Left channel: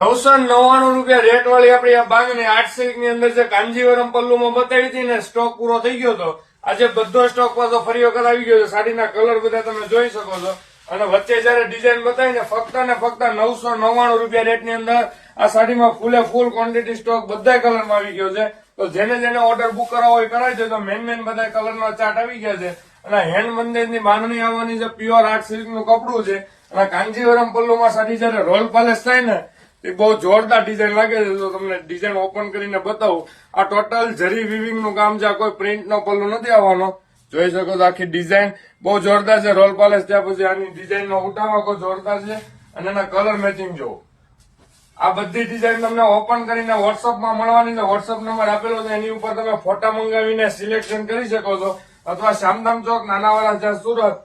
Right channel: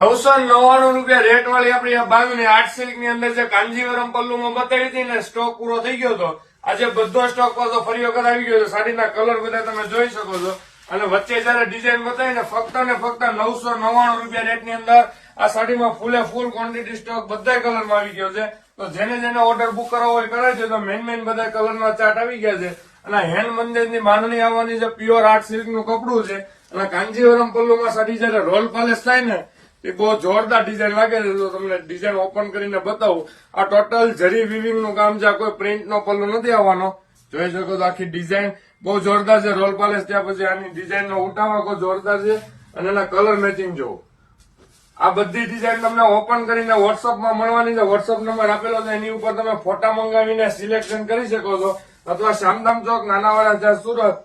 ₹999 rate વાળી આપણી આ બાંધણી 8 સિલ્ક ની અંદર જે કાંજીવરમ પલ્લુમાં બતાવી હતી ને સ્ટોક પૂરો થઈ ગયો હતો. આજે બધો સ્ટોક પાછો ફરી વખત આવી ગયો છે. સાડીના કલર બધા તમે જોઈ શકો છો. અને વચ્ચે જયારે ડિઝાઇન બતાવી ને ફક્ત ₹999 રેટની અંદર આ સાડીમાં ફૂલે ફૂલ ક્વોન્ટિટી સ્ટોક બધા કલરમાં આવી ગયો છે. તો જેને ઓર્ડર બુક કરાવવો હોય કરાય છે. તો મેન બધા કલરના ચાર્ટ આવી ગયા છે. અને હેન્ડ મંદિરની બાંધણી આવવાની છે. પ્યોર 8 સિલ્ક નું કપડું છે. અને કાંજીવરમ પલ્લુમાં સાડી જયારે રોલ પાલિશ થાય ને એ બહુ જોરદાર ડિઝાઇન લાગે છે. તો તમને ડિઝાઇન ઓપન કરીને બતાવું. આ ટોટલ જરી વિવિંગ નું કામ છે. કોઈ પ્રિન્ટ નો પલ્લુ નથી આવવાનો. જોઈ શકો છો આખી ડિઝાઇન બહુ જોરદાર છે. રોલ પાલિશ ત્યાં પછી આની ડિઝાઇન નો ઉઠાવા કોઈ જોરદાર છે. અને એના કલર મેચિંગ જુઓ. આ બધી ડિઝાઇન તમને ઓપન કરીને વોટ્સઅપમાં મળવાની છે. વોટ્સઅપ નંબર આપેલો છે. એની ઉપર તમે ફોટા મંગાવીને સિલેક્શન કરી શકો છો. અથવા શામધામ ચોક નાનાવાડા છે સુરત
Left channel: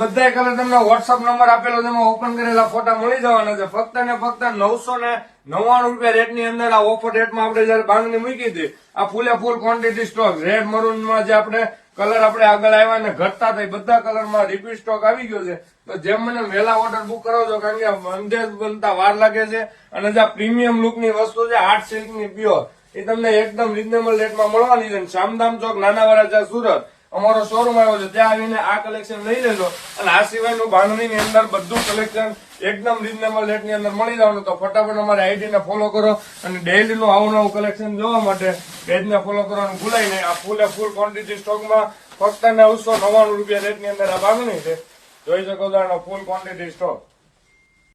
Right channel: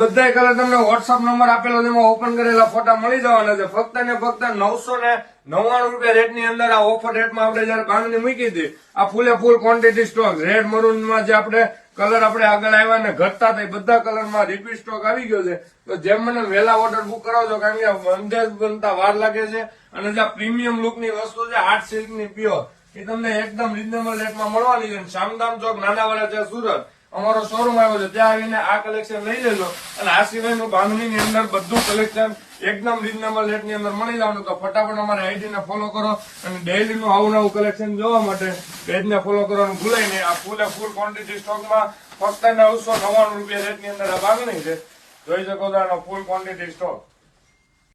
બધા કલર તમને વોટ્સઅપ નંબર આપેલો તેમાં ઓપન કરેલા ફોટા મળી જવાના છે. ફક્ત ને ફક્ત ₹999 રેટની અંદર આ ઓફર રેટમાં આપણે જયારે બાંધણી મૂકી હતી. આ ફૂલે ફૂલ ક્વોન્ટિટી સ્ટોક રેડ મરૂનમાં જે આપણે કલર આપણે આગળ આવ્યા ને ઘટતા હતા બધા કલરમાં રિપીટ સ્ટોક આવી ગયો છે. તો જેમ મને વહેલા ઓર્ડર બુક કરાવજો કારણ કે બંધેજ બનતા વાર લાગે છે. અને જે પ્રીમિયમ લુકની વસ્તુ છે 8 સિલ્કની પ્યોર એ તમને એકદમ રીઝનેબલ રેટમાં મળવાની છે. શામધામ ચોક નાનાવાડા છે સુરત અમારો શોરૂમ આવ્યો છે. ત્યાં આવીને આ કલેક્શન લઈ લેજો. અને આ સિવાયનું બાંધણીની અંદર બધું કલેક્શન એકદમ રીઝનેબલ રેટની અંદર મળી જવાનું. તો ફટાફટ અમારી આઈડીને ફોલો કરો અને ડેઈલીનું આવું કલેક્શન જોવા માટે પેજને ફોલો કરવાનું ભૂલાય નહીં. આ ફૂલે ફૂલ ક્વોન્ટિટી સ્ટોકમાં ફક્ત ₹999 રેટની અંદર આ બાંધણી છે. જોઈ શકો છો આનો ફૂલ ક્વોન્ટિટી સ્ટોક.